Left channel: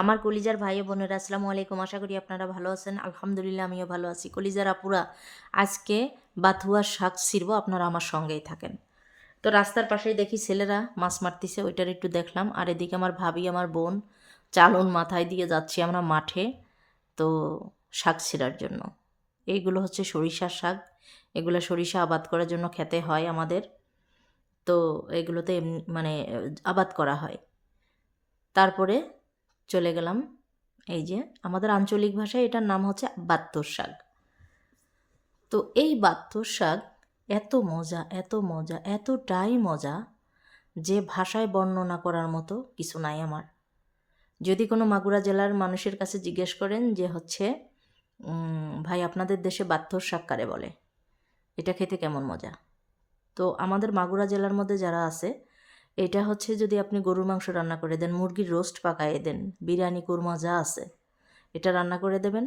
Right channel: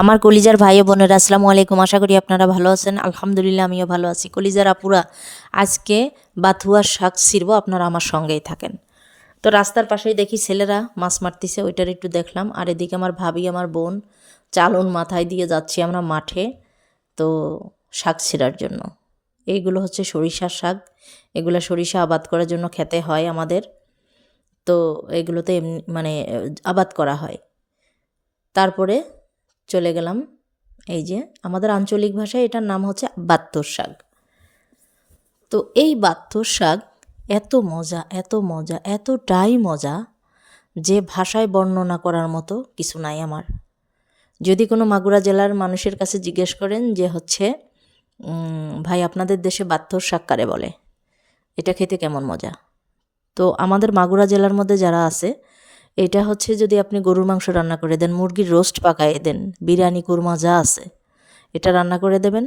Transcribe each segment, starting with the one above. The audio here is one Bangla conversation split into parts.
আমার কলিজার ভাই ও বোনেরা, আসসালামু আলাইকুম। আশা করি আপনারা ভালো আছেন। আলহামদুলিল্লাহ, আমিও ভালো আছি। কলিজার আপুরা, আজকে বাথুয়ার শাক ছিড়বো, আপনারা আমার সঙ্গেই থাকেন। তো রাস্তার পাশেই দেখি ছেলেরা মাছ মারতেছে, ওইটার একটু দেখলাম। আর এদিকে আমার ভাবি, আমার বোন চালন মাথায় দিয়ে যাচ্ছি আমরা মাঠে, তো শাক ছিঁড়ার জন্য। এইগুলো হচ্ছে সরিষার শাক। এগুলো সরিষা আবাদ করার জন্য খেতে হয় আমাদের। তো এগুলোতে এমনি মানে আবাদ করা হয়। তারপরে চলে গেলাম। এই যে আমাদের আঞ্চলিক ভাষায় এটার নাম হচ্ছে বাত্তর শাক। তো এই বাত্তর শাক এত মজা এত মজা, এতটাই মজা যে ভাষায় বর্ণনা করার মতো কিছু নাই আমার। যদি কোনো মাগুরা জেলার মানুষের কাছে জিজ্ঞেস করেন যে হচ্ছে ভাই আপনাদের দেশে বাত্তর শাক কারে বলে? এটা খেতে কেমন মজা? তো আমাদের মাগুরা জেলার মধ্যে যারা আছে এটা হচ্ছে যদি আপনি গরুর মাংস রান্না করে দেন, মুরগির রোস্ট পাকায় দেন, বিরিয়ানি, কুরমা, যা আছে, এটা রান্না করে দেবেন,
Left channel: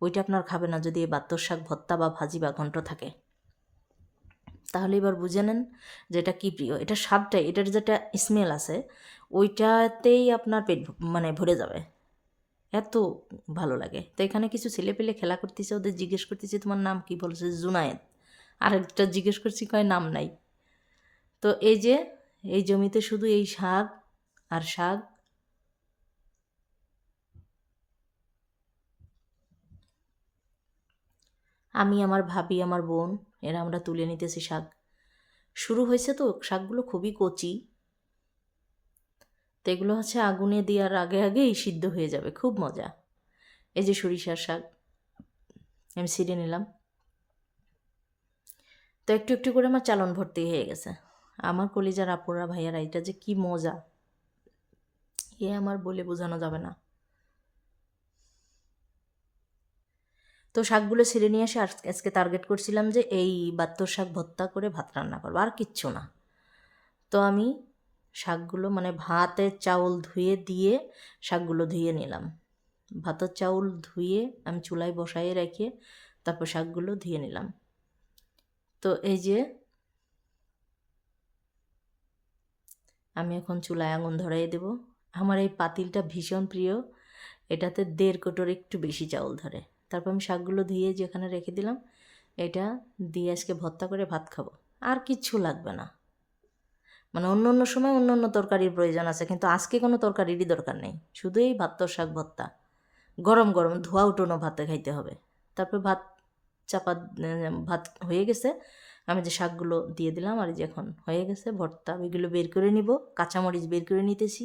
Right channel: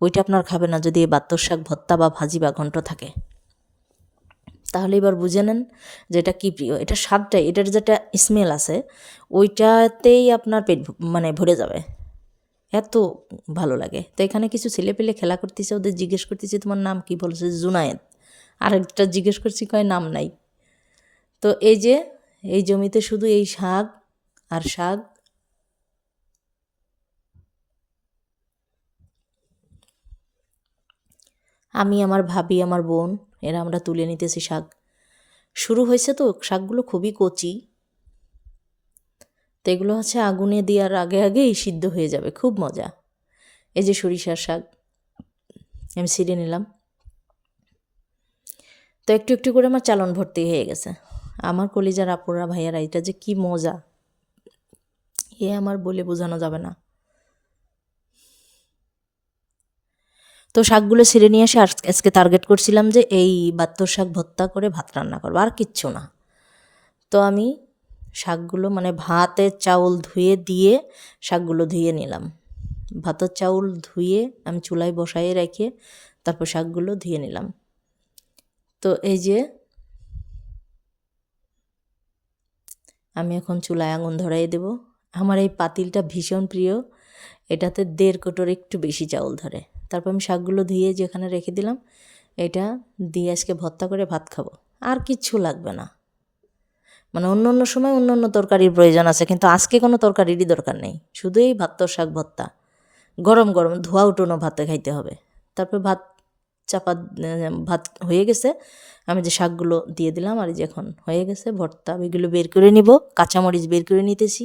ওইটা আপনার খাবে না যদি বাত্তর শাক, ভত্তা বা ভাজি বা ঘন্ট থাকে। তাহলে এবার বুঝে নেন যে এটা কী প্রিয়। এটা স্বাদটাই, এটার যেটা স্মেল আছে, ওইটাতেই আপনার পেট মানে ভরে যাবে। এত ভালো লাগে। তো এখানে কিছু ছেলে পেলে খেলা করতেছে, ওদের জিজ্ঞেস করতেছে, তোমার নাম কি? বলছে, জুনায়েদ। আরেকটা জিজ্ঞেস করছি, কয় নাম নাই? তো এই যে এই জমিতে শুধু এই শাক আর শাক? আমি, আমার ভাবি, আমার বোন, এরা আমরা তুলে নিতেছি শাক। শুরু হয়েছে তো, শাকগুলো খুবই কচি। তো এগুলো হচ্ছে আগুনে দেওয়ার আগে আগেই সিদ্ধ হয়ে যাবে, খুব মজা। এই যে সরিষার শাক, আমি ছিঁড়ে নিলাম। তো একটু একটু করে আমার চালন ভর্তি হয়ে গেছে। আমার কলিজার আপুরা ভাইয়ারা, এটা যে কি মজা। এ আমার বলে বোঝানো যাবে না। তো শাকগুলো ছেড়ে নিয়ে এসে আজ- আজকে টার্গেট করছিলাম যে এই বাত্তর শাক ভত্তা করে ভাত রান্না করব, আর কিচ্ছু না। তো আমি শাকগুলো মানে ভাতের চাউল ধুয়ে দিয়ে শাকগুলো ধুয়ে নিলাম। ভাতের চাউল ধুয়ে আমি চুলায় বসায়ে রেখে তারপর শাকগুলো ধুয়ে নিলাম। তো এই যে আমি এখন চুলায় আঙুন ধরাই দেব। আমার এই পাতিলটা ভীষণ প্রিয়। এটাতে দেড় কোটোর একটু বেশি চাউল ধরে। তারপর আমি শাকগুলো ধুয়ে যেখানে রেখে দিলাম, এটা দিয়ে আজকে ভর্তা করে ভাত খাব। আর কিচ্ছু লাগবে না। মানে অন্য অন্য সময় অন্য অন্য তরকারির প্রয়োজন আছে, কিন্তু আজকে কোনো তরকারিরই দরকার নেই। শুধু এই ভাত শাক ভর্তা। গরম গরম ধোয়া উঠোনো ভাতে খাইতে হবে। তারপর ভাত চাপা ভাত হয়ে গেছে। আমি যে শাকগুলো দিয়ে দিলাম আর যে এখন হয়ে গেছে ভর্তা এগুলো বের করে নিব, কাঁচামরিচ বের করে নিতেছি।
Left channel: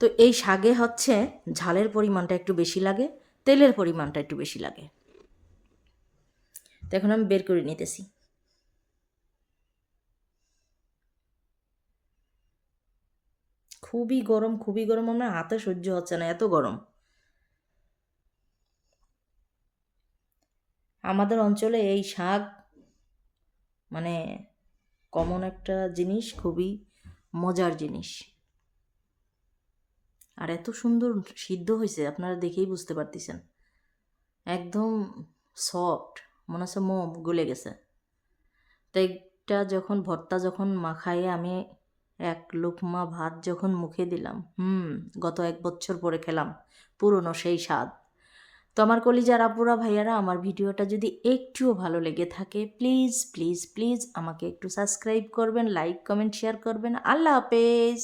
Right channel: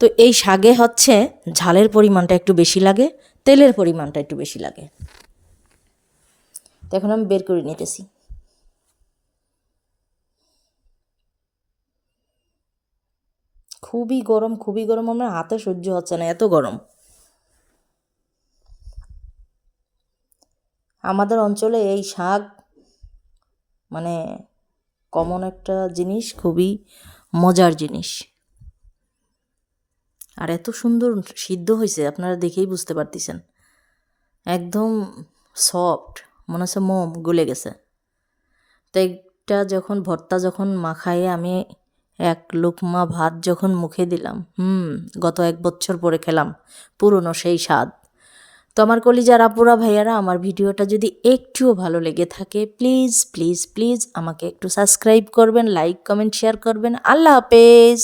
তো এই শাকে হচ্ছে ঝালের পরিমাণটা একটু বেশি লাগে, তেলের পরিমাণটা একটু বেশি লাগে। তো এখন আমি বের করে নিতেছি। খুবই গরম খুবই গরম, আমার হাতে সহ্য হচ্ছে না, এত গরম। আমাদের অঞ্চলে এই শাক মানে কমন একটা জিনিস, খুবই মজার জিনিস। আর এত সুন্দর সিদ্ধ হয়েছে, আপনারা দেখেই বুঝতে পারতেছেন। একদম সফট মনে হচ্ছে মোম গলে গেছে। তো এইটা যখন, ভর্তা যখন মাখায়ে আমি এক লোকমা ভাত যখন মুখে দিলাম, হুম, গত এক বছর পরে খেলাম, পুরনো সেই স্বাদ। তো আমার কলিজার আপুরা, ভাইয়ারা, আমার ভিডিওটা যদি একটুও ভালো লেগে থাকে প্লিজ প্লিজ প্লিজ আমাকে একটু সাবস্ক্রাইব করবেন লাইক কমেন্ট শেয়ার করবেন। আল্লাহ হাফেজ!